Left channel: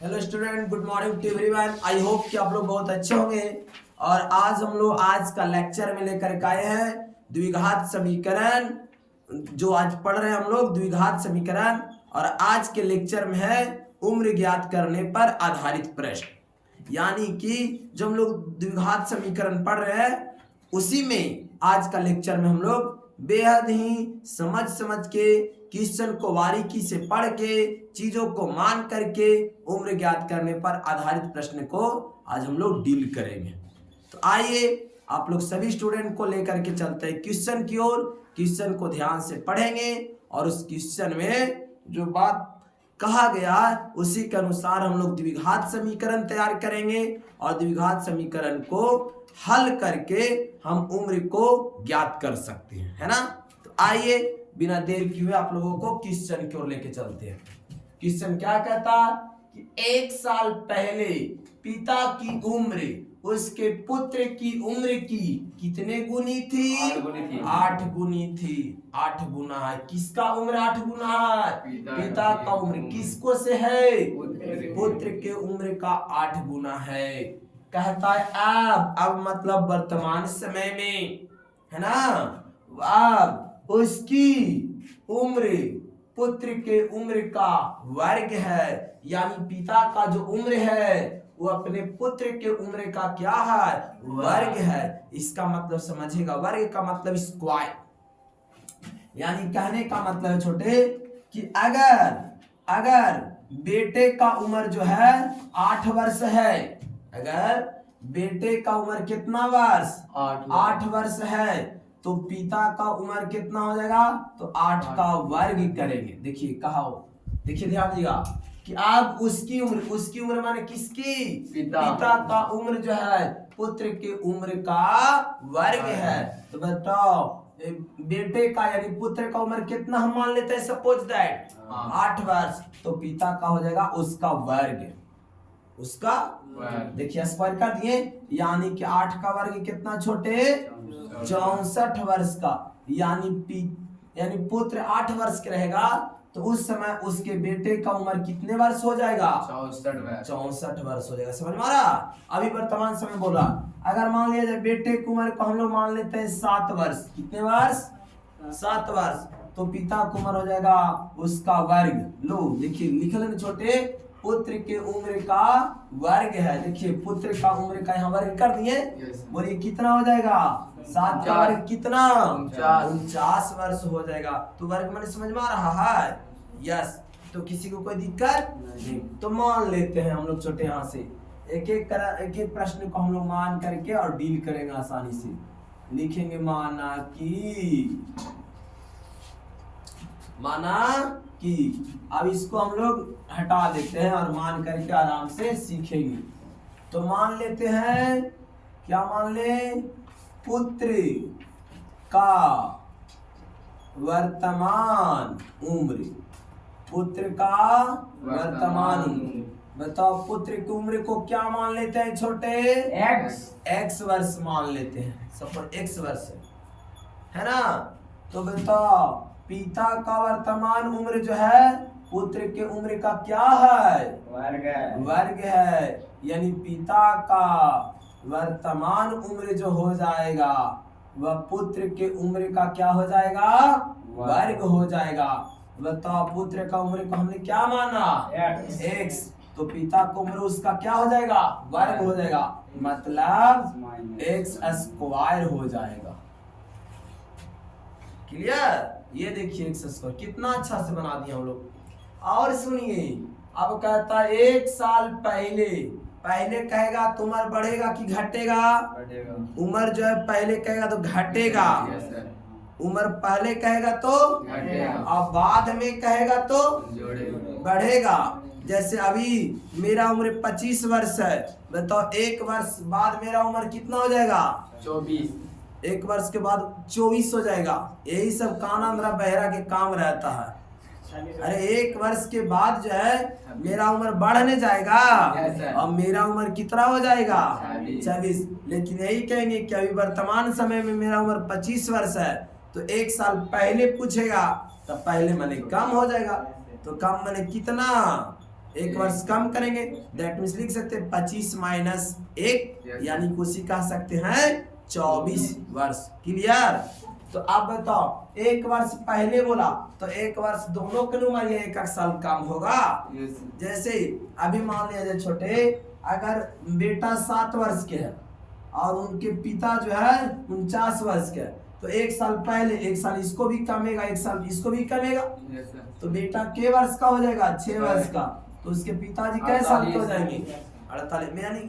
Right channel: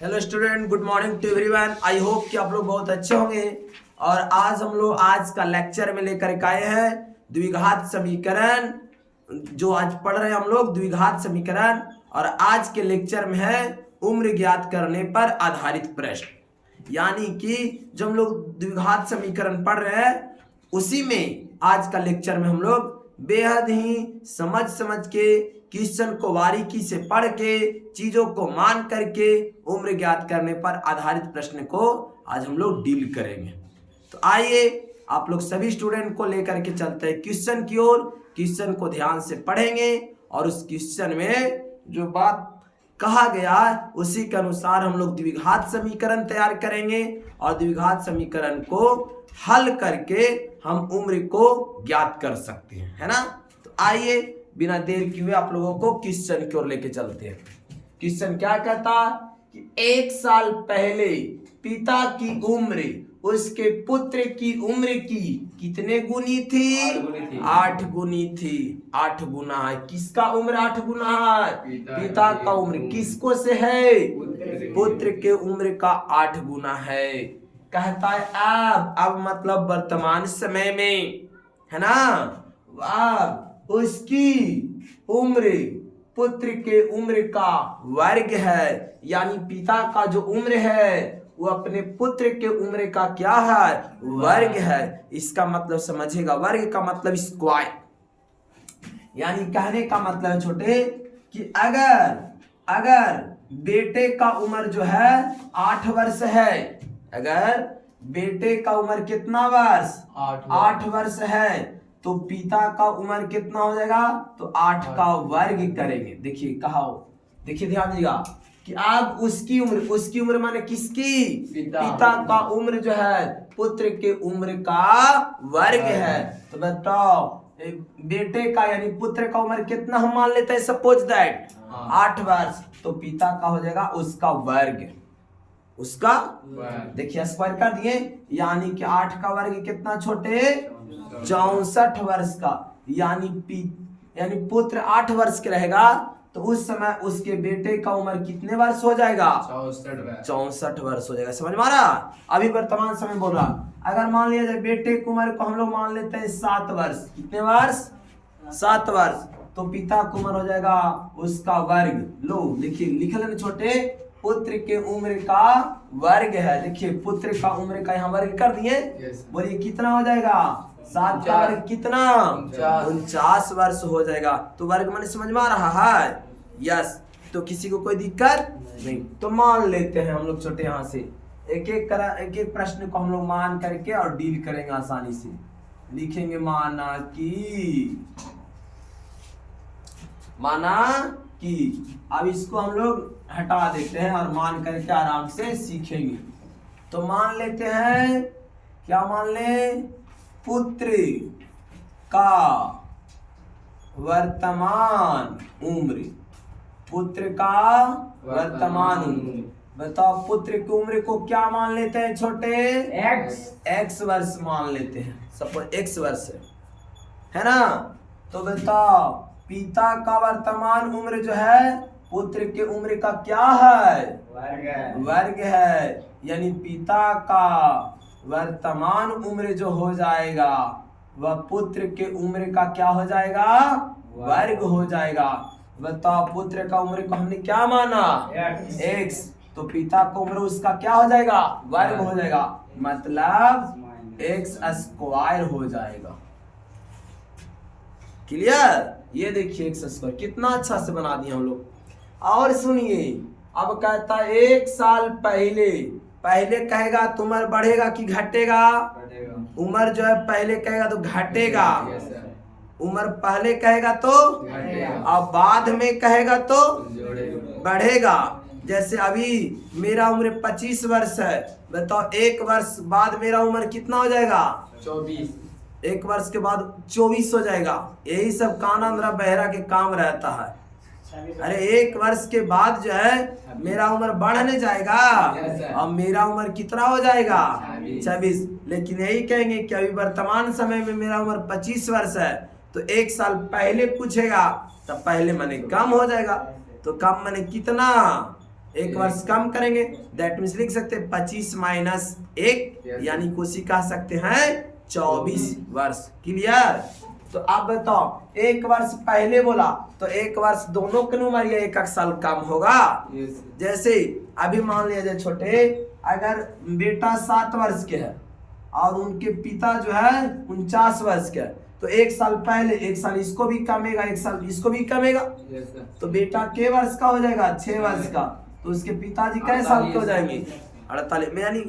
Hello student, good morning to everyone. I hope कि आप लोग बहुत अच्छे होंगे। और आज हम लोग आज का लेक्चर में लेकर के आए हैं द्विघात समीकरण। जो आज पढ़ रहे हैं हम लोग द्विघात समीकरण, और आज के लेक्चर में है उम्र ज्ञात करने पर आधारित प्रश्न। यानी कि जब हम लोग द्विघात समीकरण पढ़ रहे हैं उसी में आज का लेक्चर में हम लोग बेहद ही समझ के क्वेश्चन को बारीकी से पढ़ के चीजों को मान करके उम्र ज्ञात करने पर आधारित प्रश्न को आज हम लोग डील करेंगे। तो आइए आप लोग सभी स्टूडेंट को लेकर के चलते हैं क्वेश्चन की ओर। क्वेश्चन को ध्यान से पढ़ेंगे और उस क्वेश्चन में जो बात कहा गया उसी के अनुसार हम लोग द्विघात समीकरण तैयार करेंगे और द्विघात समीकरण को हल करके हम उम्र को ज्ञात कर सकते हैं, है ना। तो आइए बिना देर किए आप लोगों को क्वेश्चन की ओर लेके चलते हैं। क्वेश्चन क्या कहता कि 1 साल पहले पिता की उम्र उसके पुत्र की उम्र की कितने गुनी थी? 8 गुनी थी। 8 गुना है। किसका उम्र 8 गुना है? पिता का उम्र किसको से है? पुत्र के उम्र का 8 गुना है। कहता है अब मतलब वर्तमान समय में, है ना। अब उसकी उम्र पुत्र के उम्र का वर्ग है। यानी पिता का जो उम्र है वो अपने पुत्र के उम्र का क्या है? वर्ग है। इसका मतलब समझेगा, वर्ग का मतलब स्क्वायर। यानी कहने का मतलब है छोटे कि अगर बेटे का उम्र जो है 8 वर्ष है, अगर बेटे का उम्र कितना वर्ष? 8 वर्ष है, तो पिता का उम्र कितना हो जाएगा? तो 8 का वर्ग करेंगे। देखिए कहा हो, देखिए ध्यान दीजिएगा कि अब उसकी उम्र माने किसकी? पिता का उम्र जो है पुत्र के उम्र का वर्ग है। तो बताओ बेटे का यानी पुत्र का उम्र कितना हम मान लेते हैं? सपोज दैट 8 वर्ष, तो पिता का हो जाएगा उसका वर्ग। उसका देखिए स्क्वायर कर दिए, यानी कि 8 का वर्ग कितना छोटे? 64 वर्ष का। यानी पुत्र 8 वर्ष के रहेगा तो उस समय उसके बेटे का उम्र कितने वर्ष हो जाएगा? 64 वर्ष हो जाएगा। समझ में आ रहा? अभी वर्तमान समय बोल रहा। अगर मान लिया जाए बेटे की उम्र को हम लोग मान लेते हैं 7 वर्ष। कितने वर्ष? 7 वर्ष। तो पिता की उम्र हो जाएगा उसका वर्ग। लो देखिए लिख लेना छोटे, पुत्र के उम्र का वर्ग है। देखिए पुत्र का उम्र का यहाँ वर्ग कर दिए। बोलिए कितना हो जाएगा? 7 का वर्ग कितना? 49 वर्ष हो जाएगा। तो वर्ग मैंने समझ में आ रहा है? यस। तो किसी को कोई दिक्कत नहीं। तो मान लेते हैं हम लोग छोटे यहाँ से एक एक प्रश्न को हम लोग मान करके और डील करेंगे आसानी से। लिखेंगे माना कि अब इसको हम लोग हटा देते हैं और मान करके आराम से सीखेंगे। तो मान लेते हैं, क्या मान ले? पुत्र का वर्तमान उम्र। पुत्र का वर्तमान उम्र। बताओ पुत्र की उम्र को क्या मान लेते हैं छोटे? x वर्ष मान लेते हैं। सपोज x वर्ष है ना। तो बताओ पिता का वर्तमान उम्र जो है पुत्र के उम्र का क्या है? वर्ग है। यानी पिता का वर्तमान उम्र जो हो जाएगा वह पुत्र के उम्र का क्या हो जाएगा? वर्ग हो जाएगा। बताओ पुत्र का उम्र को हमने क्या माना? x। तो पिता का उम्र उसका क्या हो जाएगा? वर्ग हो जाएगा। मतलब x स्क्वायर हो जाएगा। क्लियर? ये देखिए x स्क्वायर कितना अच्छा से बना दिए हम लोग। और सुनिए अब कहता है 1 साल पहले कहेगा तो उम्र बढ़ेगा कि घटेगा? उम्र जो है पहले कहेगा तो घटेगा। उम्र पहले कहेगा तो और बाद में कहेगा तो बढ़ेगा। जैसे अभी मेरा उम्र 25 वर्ष है, बताओ 1 वर्ष बाद मेरा उम्र कितना हो जाएगा? 24। 1 वर्ष के बाद 24 हो जाएगा। यही सब काना मेरा बहरा के काम रहता है। अरे 1 वर्ष के बाद जो है मेरा उम्र बढ़ने जाएगा और मेरा उम्र कितना हो जाएगा? 26। लेकिन यही कहेंगे कि अभी वर्तमान समय में मेरा उम्र 25 वर्ष है, तो 1 साल पहले पूछेगा तब पहले माने कम हो जाएगा। तो कम माने कितना? एक वर्ष कम करेंगे, दैट मीन्स लिख सकते हैं 25 माइनस 1 यानी कुछ कह सकते हैं 24 वर्ष। क्लियर? तो आप बताओ एक वर्ष पहले बोला तो एक वर्ष दोनों के उम्र या एक साल कम होगा। जैसे अभी मान लिया जाए छोटे, अगर बेटा 7 वर्ष के है और उनके पिता जो है 49 वर्ष के है, तो एक साल पहले एक साल इसको भी कमेगा, एक साल इसको भी कमेगा। तो बेटा के वर्ष का हो जाएगा 6 वर्ष का, तो उसके पिताजी कै साल के हो जाएंगे 48 में। यानी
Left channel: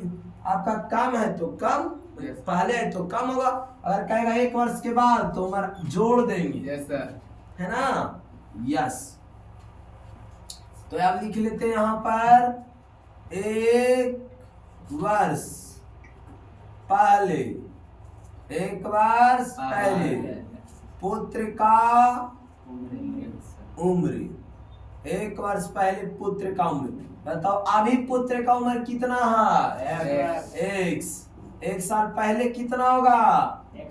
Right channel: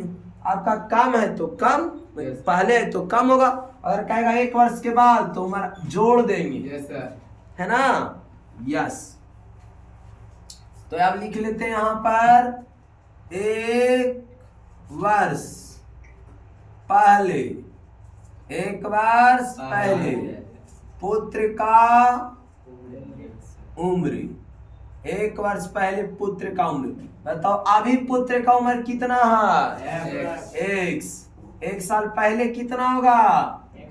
आपका कम है तो कम, पहले है तो कम होगा। अगर कहेगा एक वर्ष के बाद तो उम्र जोड़ देंगे, है ना। यस, तो अब लिख लेते हैं यहां पर एक वर्ष पहले, एक वर्ष पहले पुत्र का उम्र, एक वर्ष पहले पुत्र का उम्र। बताओ अभी पुत्र का उम्र कितना है? x। एक साल पहले कितना होगा?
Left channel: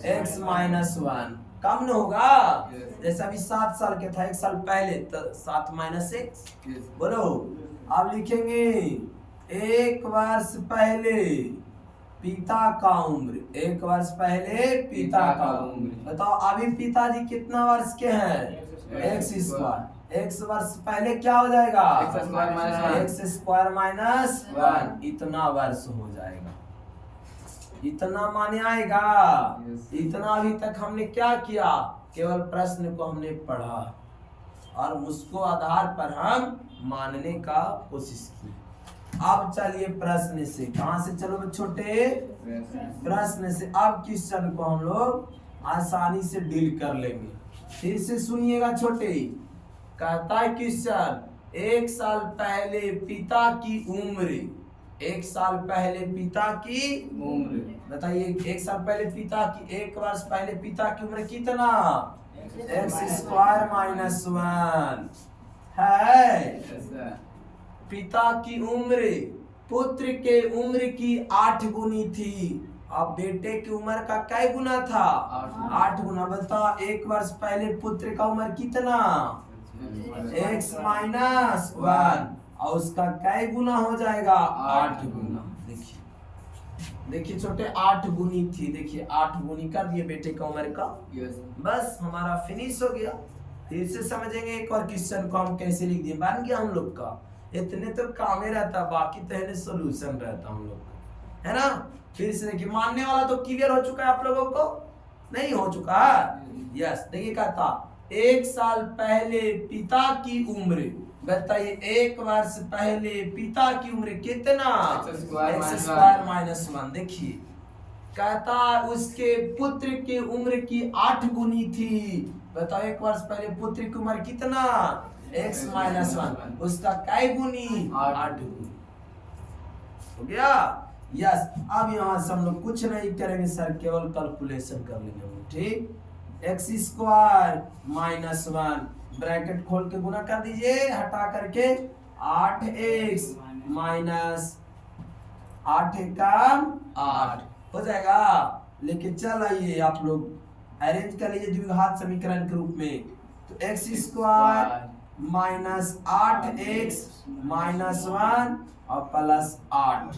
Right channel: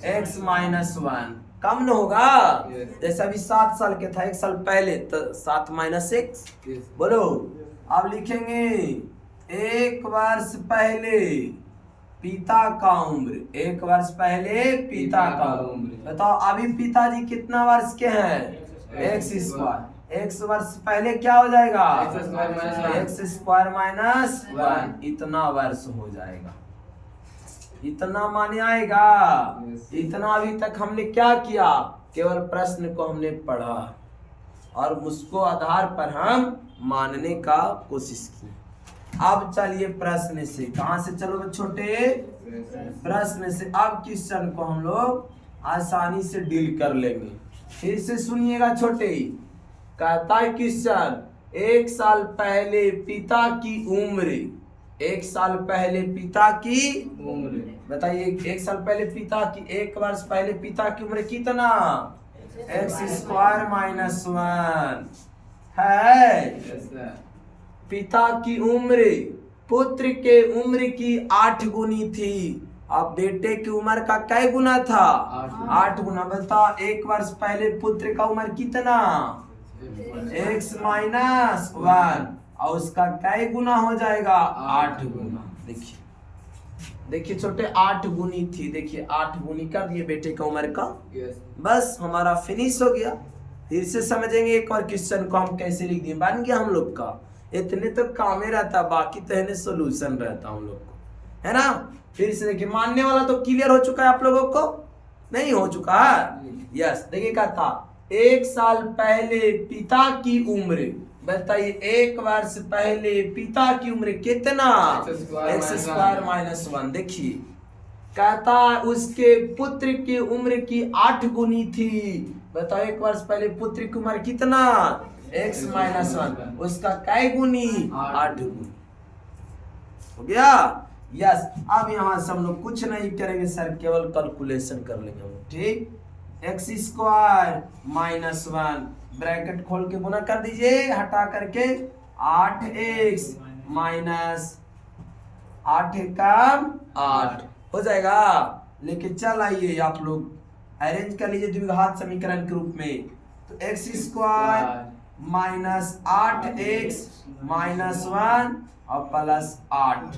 x minus 1। कम न होगा? जैसे अभी 7 साल के था एक साल पहले, तो 7 माइनस 6। बोलो, अब लिखेंगे एक वर्ष पहले पिता का उम्र, एक वर्ष पहले पिता का उम्र। बताओ अभी पिताजी कितना वर्ष के हैं? X square. एक्स वर्ष पहले क्या हो जाएगा? X square minus 1। इतना वर्ष हो जाएगा, इतना माने आएगा। इतना अभी तक हमने क्या किया? केवल प्रश्न को हमने पढ़ा और उसको आधार पर हम मानने का कोशिश की। अब चलिए प्रश्न से, कहां से? चलो छोटे प्रश्न से। अब क्वेश्चन को हम लोग आसानी से डील कर लेंगे। फिर से सुनिएगा छोटे, कहता है क्वेश्चन, एक साल पहले पिता की उम्र, एक साल पहले पिता की उम्र। बताइए एक साल पहले पिता की, एक वर्ष पहले पिता की उम्र कितना? एक्स स्क्वायर माइनस 1 है। पिता की उम्र पुत्र के उम्र की 8 गुनी थी। अब बेटे की उम्र का कै गुना था? 8 गुना। बताओ एक वर्ष पहले पुत्र का उम्र कितना? x माइनस 1 और उसका कै गुना हो जाएगा? 8 गुना। देखिए देखिए छोटे, 8 गुनी थी। देखिए 8 गुनी कर दिए बेटे की उम्र का। बस हमारा फिनिश हो गया। फिर से समझेंगे एक और क्वेश्चन को हम कैसे लिख दिए, बन गया हम लोग का। इतने तो काम ही रहता, बाकी तो है सोल्यूशन रहता हम लोग को, है ना। फिर से देखिए, मानने वाला तो क्लियर हो चुका है आप लोगों को? नहीं हो चुका है? यस। देखिए कहता एक साल पहले पिता की उम्र। बताइए एक वर्ष पहले पिता की उम्र कितना? X square minus 1। देखिए कहता उसके पुत्र की उम्र की 8 गुनी थी। बताओ एक वर्ष पहले पुत्र की उम्र कितना? x minus 1। उसका कै गुनी? 8 गुनी। हो गया? यस। अब यहाँ से हम लोग कुछ नहीं करेंगे सर, केवल कैलकुलेशन कर लेंगे। ठीक, एक्स स्क्वायर माइनस 1 ब्रैकेट खोल के गुना कर दीजिए, हटा करके 8x माइनस 8 कम 8 हो जाएगा। लेकिन चल आइए आप लोग अरेंज कर लीजिए द्विघात समीकरण के रूप में। तो x square minus 8x minus 1 और प्लस 8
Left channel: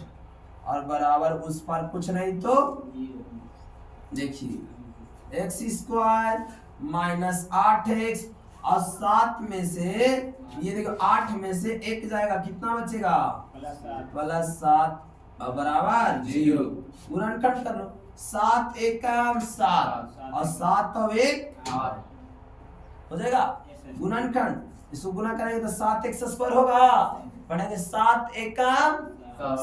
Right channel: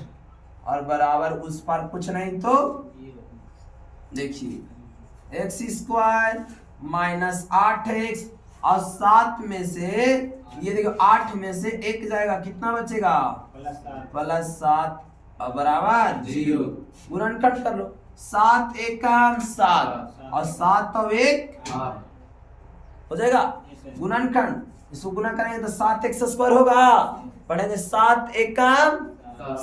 और बराबर उस पर कुछ नहीं तो देखिए एक्स स्क्वायर माइनस 8x और 7 में से ये देखो 8 में से 1 जाएगा, कितना बचेगा? प्लस 7 और बराबर 0। गुणनखंड कर लो, 7 एकम 7 और 7 और 1 हो जाएगा। गुणनखंड इसको गुना करेंगे तो 7x स्क्वायर होगा। पढ़ेंगे 7 एकम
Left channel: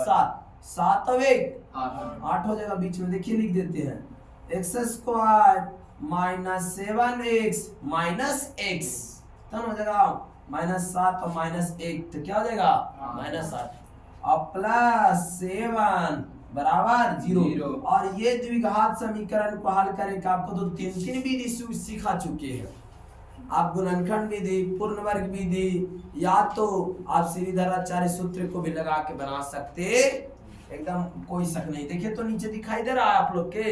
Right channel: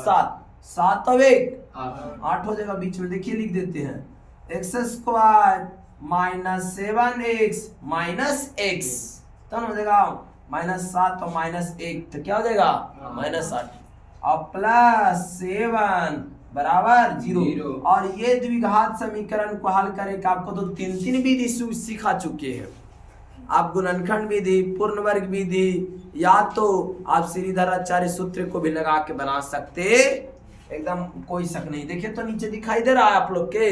7, 7 और 1 8 हो जाएगा। बीच में देखिए लिख देते हैं x square minus 7x minus x, तो हो जाएगा माइनस 7 और माइनस 1, तो क्या हो जाएगा? माइनस 8 और प्लस 7 बराबर 0। और ये द्विघात समीकरण को हल करने का आपको तो 3 विधि सिखा चुके हैं। आप गुणनखंड विधि, पूर्ण वर्ग विधि, या तो आप श्रीधराचार्य सूत्र को भी लगा के बना सकते, एकदम कोई शक नहीं। देखिए तो नीचे दिखाई दे रहा है आप लोग के।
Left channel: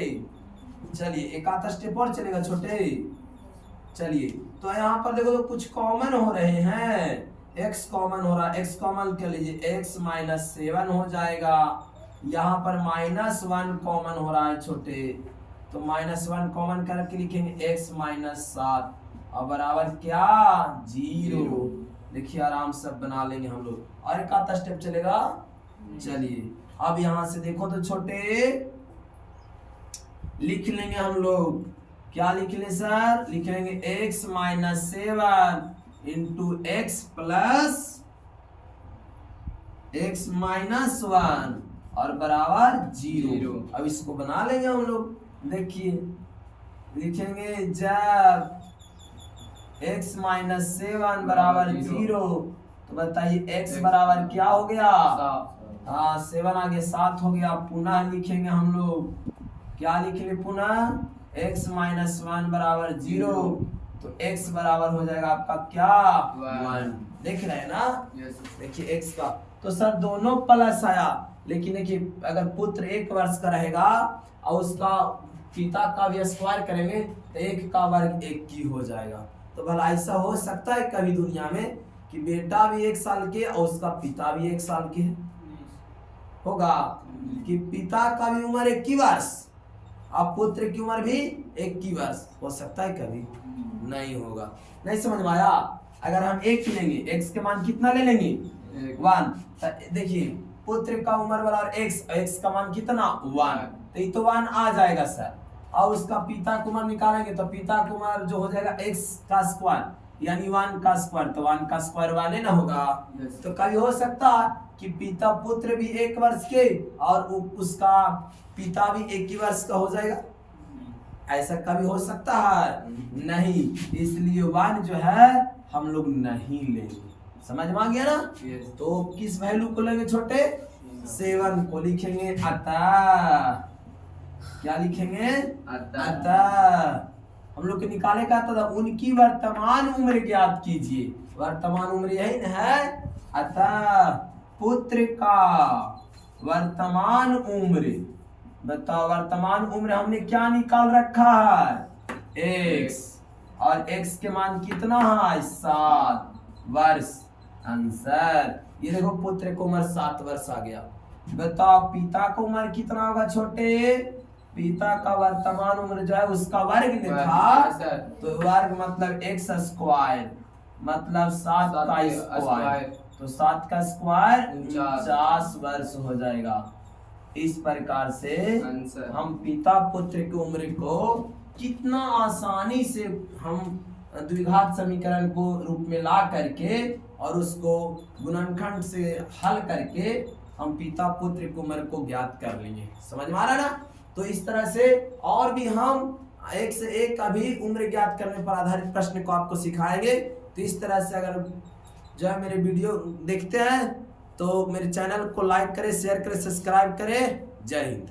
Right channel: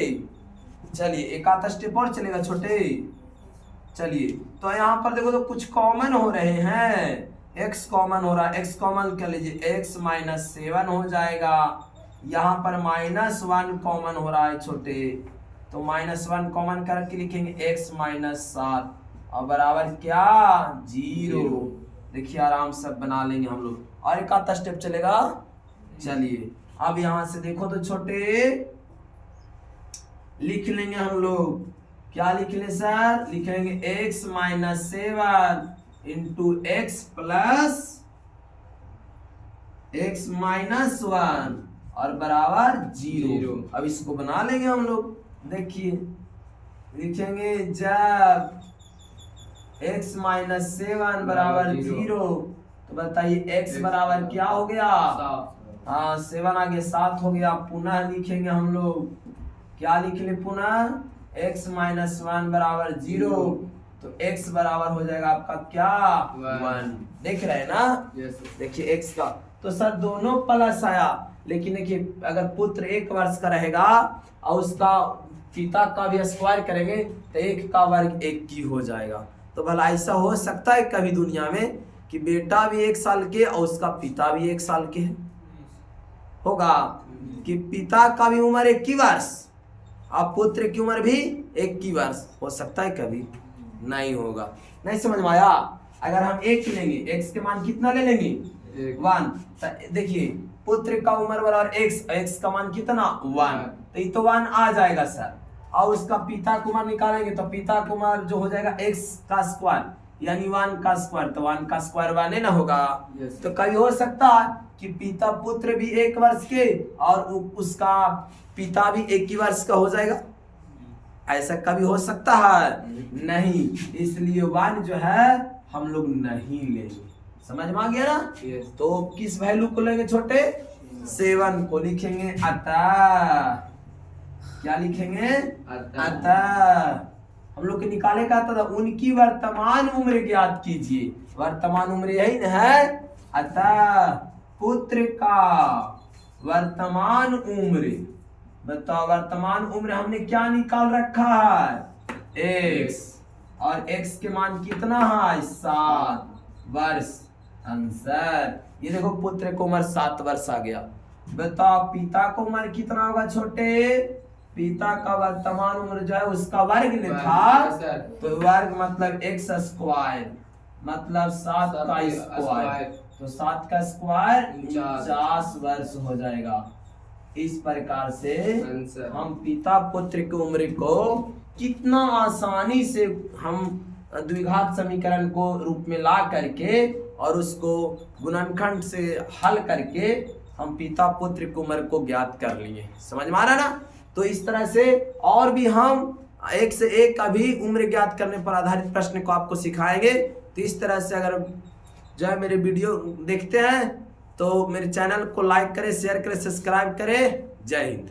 चलिए एक आधा स्टेप और चलेगा छोटे। चलिए तो यहाँ पर देखो तो कुछ कॉमन हो रहे हैं। x कॉमन हो रहा है, x कॉमन कर लीजिए, x माइनस 7 हो जाएगा। यहाँ पर -1 कॉमन हो रहा है छोटे, तो -1 कॉमन करके लिखेंगे x माइनस 7 और बराबर क्या 0। देखिए आराम से बना लेंगे हम लोग। और एक आधा स्टेप चलेगा। चलिए अब यहां से देखो तो छोटे लिख लेंगे हम लोग, क्या लिख ले सर, लिखेंगे x minus 7 into x plus x minus 1 और बराबर 0। अब इसको बना लेंगे हम लोग। देखिए लिखेंगे जब x माइनस 7 बराबर 0, तो बताइए x बराबर क्या हो गया, हाँ 7 आगे 7 हो गया। पुनः लिखेंगे हम लोग, क्या लिख ले पुनः, x माइनस 1 बराबर 0, तो x बराबर हो जाएगा आपका क्या 1। देख रहे हैं ना, देखिए x का तो सर दोनों प्लस आया, लेकिन देखिए अगर पुत्र 1 वर्ष का रहेगा और उसका पिता का भी स्क्वायर करेंगे तो 1 का वर्ग 1 की हो जाएगा। तो भला ऐसा हो सकता है कभी दुनिया में कि बेटा भी 1 साल के और उसका पिता भी 1 साल के है? होगा कि पिता का भी उम्र 1 वर्ष और पुत्र की उम्र भी 1 वर्ष हो सकता है कभी? नहीं होगा। नहीं समझ में आया? अगर हम 1 लेंगे, x के मान कितना ले लेंगे 1, तो देखिए पुत्र का उम्र बराबर x का मान कितना 1, तो ये तो 1 आ जाएगा सर। और उसका पिता का उम्र निकालेंगे तो पिता का उम्र जो हो जाएगा x का स्क्वायर यानी 1 का स्क्वायर, तो 1 का स्क्वायर 1 ना होगा। तो कभी हो सकता है कि पिता पुत्र भी 1 वर्ष के और उसका पिता भी 1 वर्ष का हो जाएगा? ऐसा कभी हो सकता है? नहीं। इसलिए 1 जो है हम लोग नहीं लेंगे। समझ में आ गया ना? तो किस वैल्यू को लेंगे छोटे, 7 को लिखेंगे अतः, क्या लिखेंगे अतः। हम लोग के निकाले का था उनकी वर्तमान उम्र ज्ञात कीजिए, वर्तमान उम्र यही न है। अतः पुत्र का वर्तमान उम्र, बताओ वर्तमान उम्र हमने क्या निकाल रखा है x, और x के मान कितना है 7 वर्ष। आंसर ये देखो पुत्र को उम्र 7 वर्ष आ गया। बताओ पिता को उम्र कितना होगा छोटे, पिता का वर्तमान उम्र जो है उसका वर्ग में था, तो वर्ग मतलब x स्क्वायर मतलब 7 का स्क्वायर, तो 7 का स्क्वायर 49 वर्ष हो जाएगा। इस प्रकार से हम पिता पुत्र की उम्र को कितना आसानी से हम द्विघात समीकरण को रूप में ला करके और उसको गुणनखंड से हल करके हम पिता पुत्र की उम्र को ज्ञात कर लिए। समझ में आ रहा ना? तो इस तरह से और भी हम एक से एक अभी उम्र ज्ञात करने पर आधारित प्रश्न को आपको सिखाएंगे। तो इस तरह से अगर जो है मेरे वीडियो देखते हैं तो मेरे चैनल को लाइक करें, शेयर करें, सब्सक्राइब करें। जय हिंद।